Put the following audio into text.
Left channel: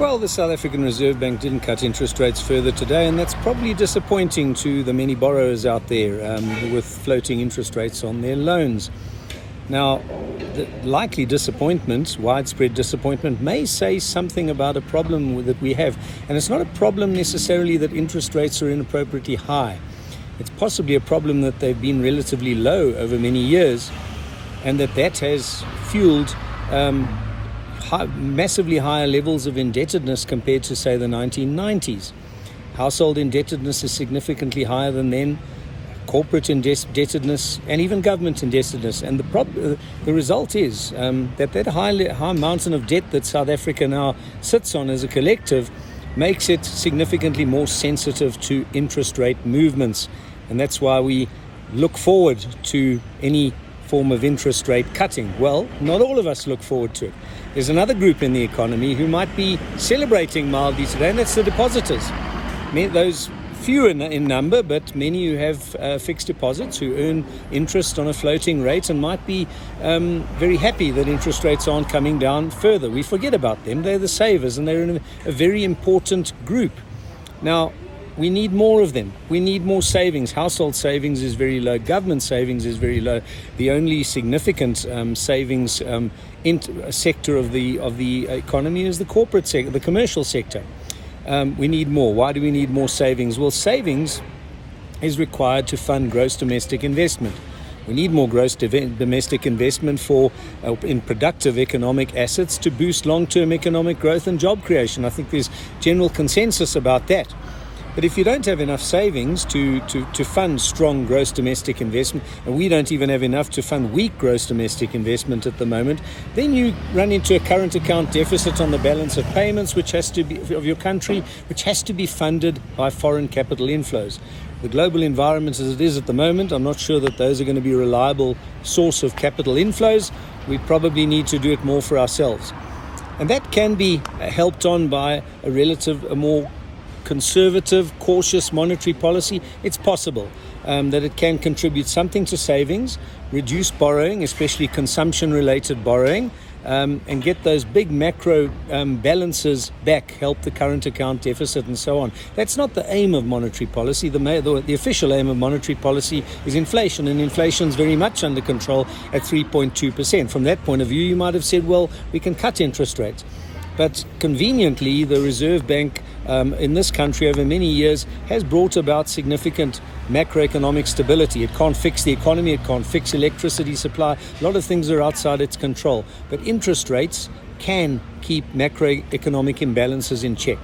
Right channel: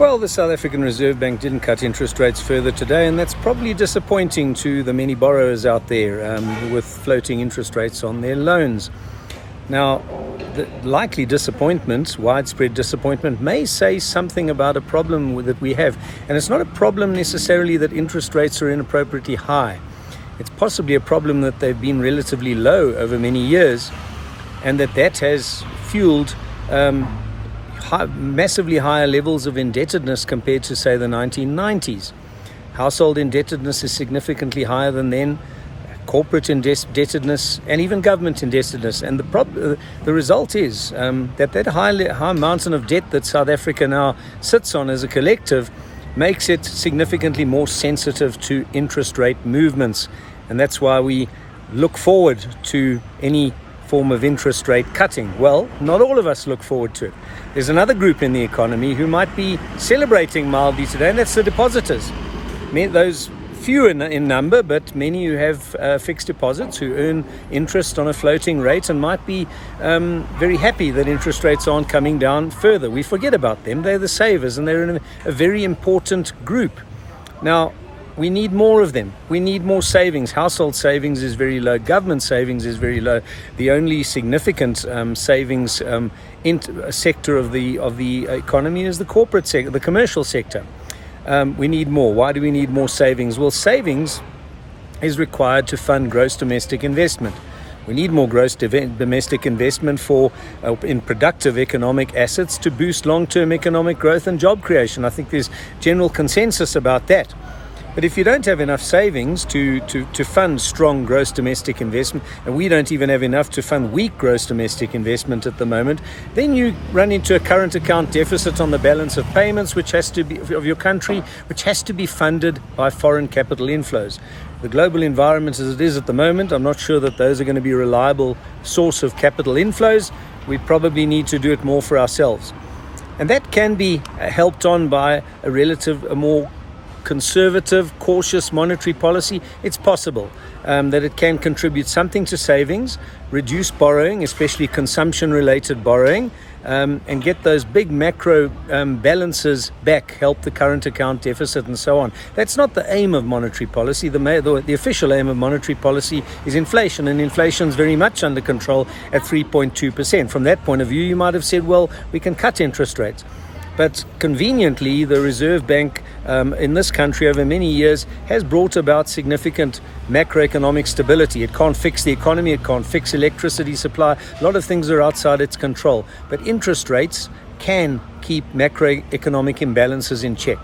Well, the South African Reserve Bank didn't cut interest rates further today, and that's probably disappointing to the many borrowers out there with floating interest rates on their loans. Now, the likely disappointment, widespread disappointment, may say something about a problem that we have. And it's not a problem necessarily that interest rates are inappropriately high. It's possibly a problem that they've been relatively low over many years, and that has fueled massively higher levels of indebtedness compared to, say, the 1990s. Household indebtedness is significantly higher than then, corporate indebtedness, and even government indebtedness. And the result is that high mountain of debt that South Africa now sits on as a collective makes it significantly more sensitive to interest rate movements. And that's why we look forward to any form of interest rate cutting. Well, not all of us look forward to it. There's another group in the economy who might be celebrating mildly today, and that's the depositors. Those few in number, but many who have fixed deposits, who earn interest on a floating rate and might be very happy that interest rates aren't coming down further. We forget about them. They're the savers, and they're in a very important group. Now, we need more of them. We need more savings. Household savings is very low. Government savings is very low. The only significant savings sector of the economy is the corporate sector, the commercial sector. We need more. Why do we need more savings? Well, savings is required to fund gross domestic investment. We need more gross domestic investment in productive economic assets to boost long-term economic growth and job creation. I think there's general consensus about that. But if you don't have enough savings to fund strong gross domestic investment, and we don't even have enough to fund weak gross domestic investment at the moment, then you run into a current account deficit on the balance of payments, which has to be of your country, which has to be funded by foreign capital inflows. The global environment as it is at the moment, I'm not sure that those are going to be a reliable source of capital inflows. We probably need to do it more for ourselves. And that can be helped on by a more conservative, cautious monetary policy. It's possible that it can contribute something to savings, reduce borrowing, especially consumption-related borrowing, and get those big macro balances back, help the current account deficit and so on. That's not the aim of monetary policy. The official aim of monetary policy is inflation, and inflation is very much under control at 3.2%. From that point of view, you might have said, well, we can cut interest rates. But conveniently, the Reserve Bank in this country over many years has brought about significant macroeconomic stability. It can't fix the economy, it can't fix electricity supply. A lot of things are outside its control. But interest rates can keep macroeconomic imbalances in check.